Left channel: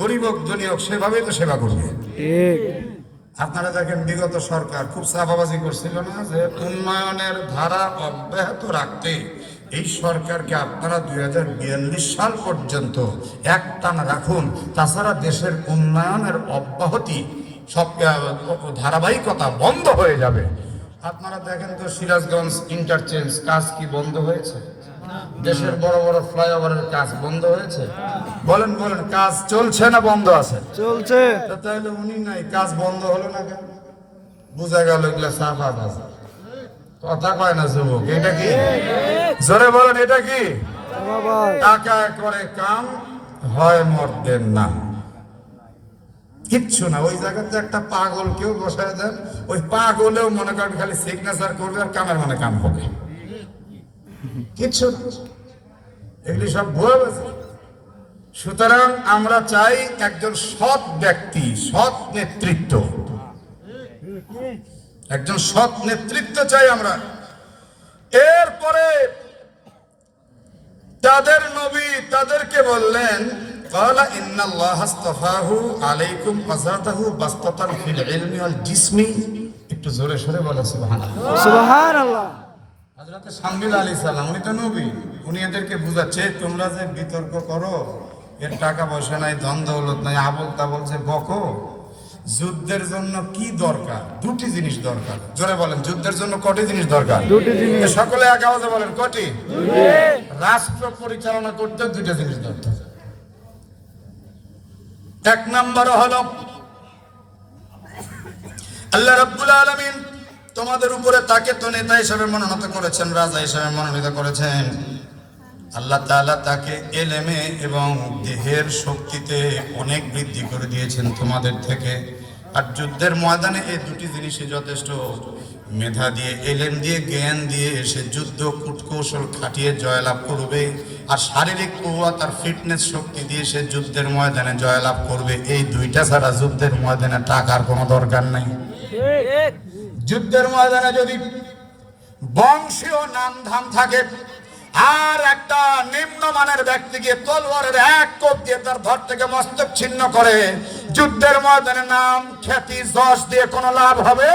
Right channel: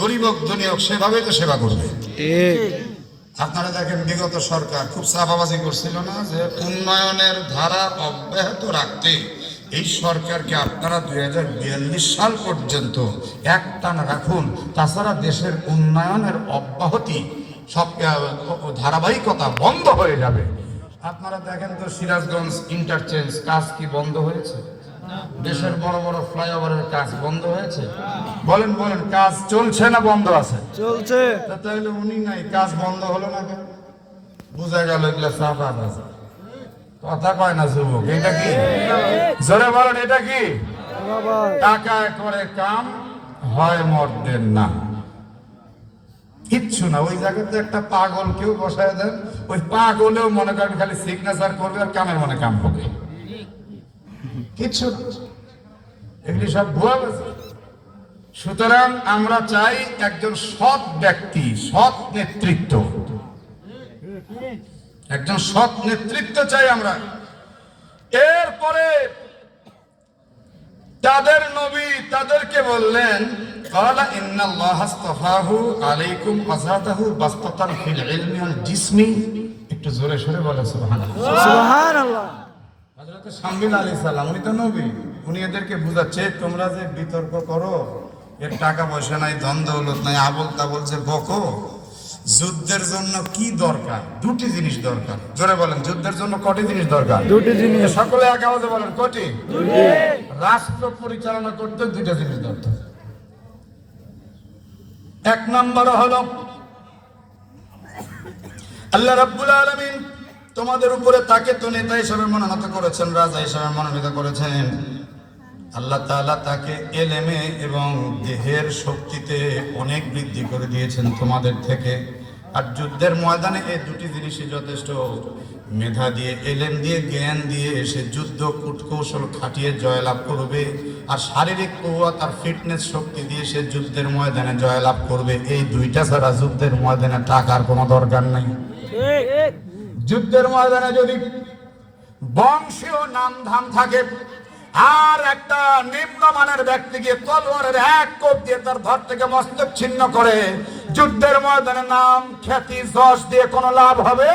গরিব হোক ধনী হোক সেভাবেই তো সেবা করবে। ঠিক। আপনারা দেখেন বিগত সরকার খুব চাপাবাজি করছিল না যে উন্নয়নের ধারা অব্যাহত রাখতে এই সরকারকে আপনারা 2042 সাল পর্যন্ত একটানা রাখুন, তাছাড়া দেশের উন্নয়নের অব্যাহতি সব ধারাবাহিকতা বন্ধ হয়ে যাবে। আপনারা দেখেন তো সিরাজগঞ্জ ইন্টারচেঞ্জ কাজ কি বন্ধ হয়েছে? দেশের বড় বড় ফ্লাইওভারের কাজ বন্ধ হয়েছে? বলেন বলেন, কাজ চলছে না বন্ধ আছে? চলছে। তাহলে উনি নাই, কাজ বন্ধ হলো না কেন? বোঝা গেল এগুলা চাপাবাজ। কথা কয় না যুবক, এটা কি? জোরে বলেন, এটা কি? টাকায় করে কাম হয় মর্দের না, কিচ্ছু না। ওই জায়গাতে একটা পাগল কেউ বসায় দেন, ওই পাগলেও মনে করেন খালি সিগনেচার করবে আর কামের মনে কাম হবে, কিচ্ছু না। এগুলি সব ভুয়া গেছে। সুতরাং আমরা চাই একজন সৎ ব্যক্তি, সৎ নেতৃত্ব, একজন সৎ নেতৃত্ব চাই আমরা। এরপরে তাদের নবী তাদেরকে বললেন, قال ان الله اصطفاه عليكم وزاده بسطة في العلم والجسم। একটু জোরে সরে বলে সুবহানাল্লাহ। সুবহানাল্লাহ। হযরত শামীল আলাইহিস সালাম উনি তো নবী, উনি এদেরকে বুঝাচ্ছে তোমরা যে বিতর্ক করো, এর টাকা পয়সা নাই, ধন দৌলত নাই, আবল তাবল যে বকো, যুদ্ধের জন্য কি দরকার? দুটি জিনিস দরকার। জোরে বলেন, যুদ্ধের জন্য কটি জিনিস দরকার? দুটি জিনিস। সকলে এক আওয়াজে বলেন, কটি? রাষ্ট্র পরিচালনা করতে দুইটা জিনিস দরকার। এক নম্বর হলো আল্লাহ রাব্বুল আলামিন তোমাদের উপরে তাকে তো নেতা হিসেবে মনোনীত করেছেন, রাজা হিসেবে মনোনীত করেছেন। আল্লাহ তাআলা তাকে এলেমে এবং দেহের শক্তিতে অনেক বৃদ্ধি করে দিয়েছেন তোমাদের থেকে। আর যুদ্ধের ময়দানে এই দুটি জিনিসই যথেষ্ট। মেধা দিয়ে, এলেম দিয়ে, জ্ঞান দিয়ে সে যুদ্ধ কূটকৌশল খাটিয়ে জয়লাভ করবে, আর শারীরিক কুওয়াত আর ফিটনেস শক্তি দিয়ে সে যুদ্ধের ময়দানে জয়লাভ করবে। এই দুইটা ছাড়া যুদ্ধের ময়দানে টাকার কোনো দরকার নেই। যুদ্ধের ময়দানে যদি বংশীয় নামধাম থাকে, আর একটা নিম্নমানের ব্যক্তিকে তলোয়ারের এক কোপ দিয়ে তার ধর থেকে মস্তক ছিন্ন করে, যুদ্ধের ময়দানে নাম, খ্যাতি, যশ দিয়ে কোনো লাভ হবে?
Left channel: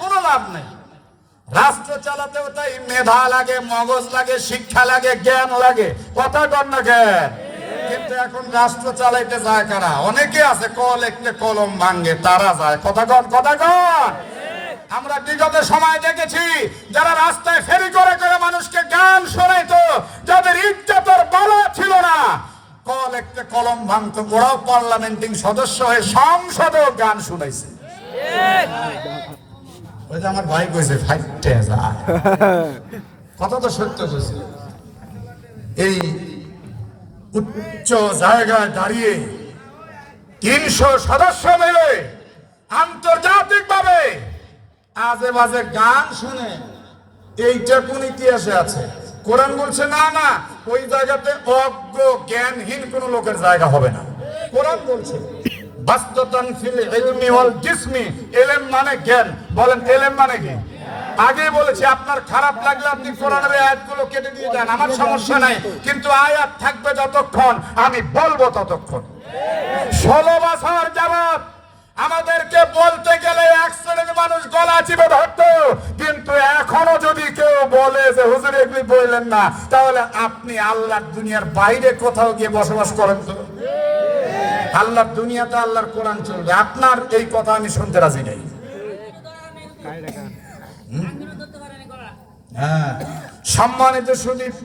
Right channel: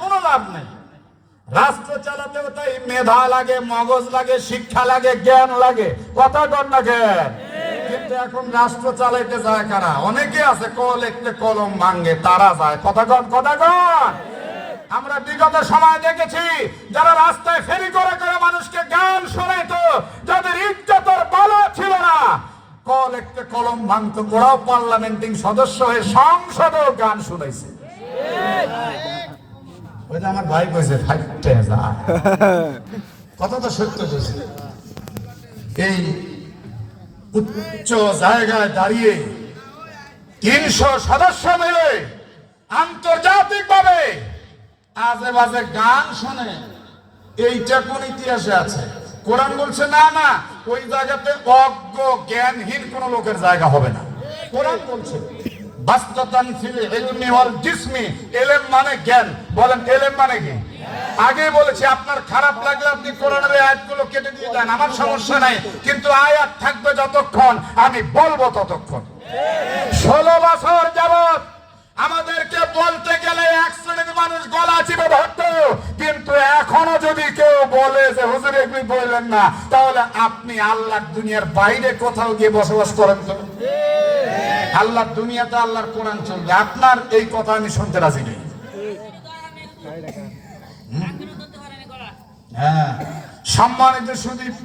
কোনো লাভ নেই। রাষ্ট্র চালাতেও তাই মেধা লাগে, মগজ লাগে, শিক্ষা লাগে, জ্ঞান লাগে। কথা কর না জ্ঞান। কিন্তু এখন রাষ্ট্র চালাইতে যায় কারা? অনেকে আছে কল একটে কলম ভাঙ্গে, তারা যায়। কথা কন, কথা কন। আমরা বিগত সময় দেখেছি যারা রাস্তায় ফেরি করে করে মানুষকে গান শোনাইতো, যাদের ইজ্জতের বালা ছিল না, কল একটা কলম ভাঙতো, ওরাও পার্লামেন্টিং সদস্য হয়ে সংসদেও গান শুনাইছে। ওই যে আমার ভাই কইছে ফাইটে যায়, কত তো সত্য কইছে। এই উচ্চ জায়গায় দাঁড়িয়ে 300 সদস্য মিলে আন্তর্জাতিক ভাবে আজে বাজে গান শোনে, এইটা কোন ইতিহাসে আছে? কোরআন বলছে না না, ওই জায়গাতে অজ্ঞ জ্ঞানহীন কোন লোকের জায়গা হবে না। কোরআন বলছে বাসতাতান ফিল ইলমি ওয়াল জিসমি, ইলম মানে জ্ঞান। বলেন ইলম মানে কি? আগেই বলেছি, আপনার খারাপ লাগলে আপনি কোরআনের আয়াতগুলো কেটে দিয়ে দেন, আমার সমস্যা নাই, কিন্তু আয়াত থাকবে যতক্ষণ আমি বলবো ততক্ষণ। 16 বছর যাবত আমাদেরকে বলতে গেলে এক শ্রেণীর মানুষ গলা চিপে ধরতো, কিন্তু এখনো যদি কেউ বলে যে হুজুর এগুলি বললেন না, তাহলে আপনি আল্লাহর দুনিয়ার বাইরে কোথাও গিয়ে বসবাস করেন তো? আল্লাহর দুনিয়াতে আল্লাহর কোরআন চলবে, আপনার এই কথা আমি শুনতে রাজি নেই। হ্যাঁ, সম্মানিত সুদীপ,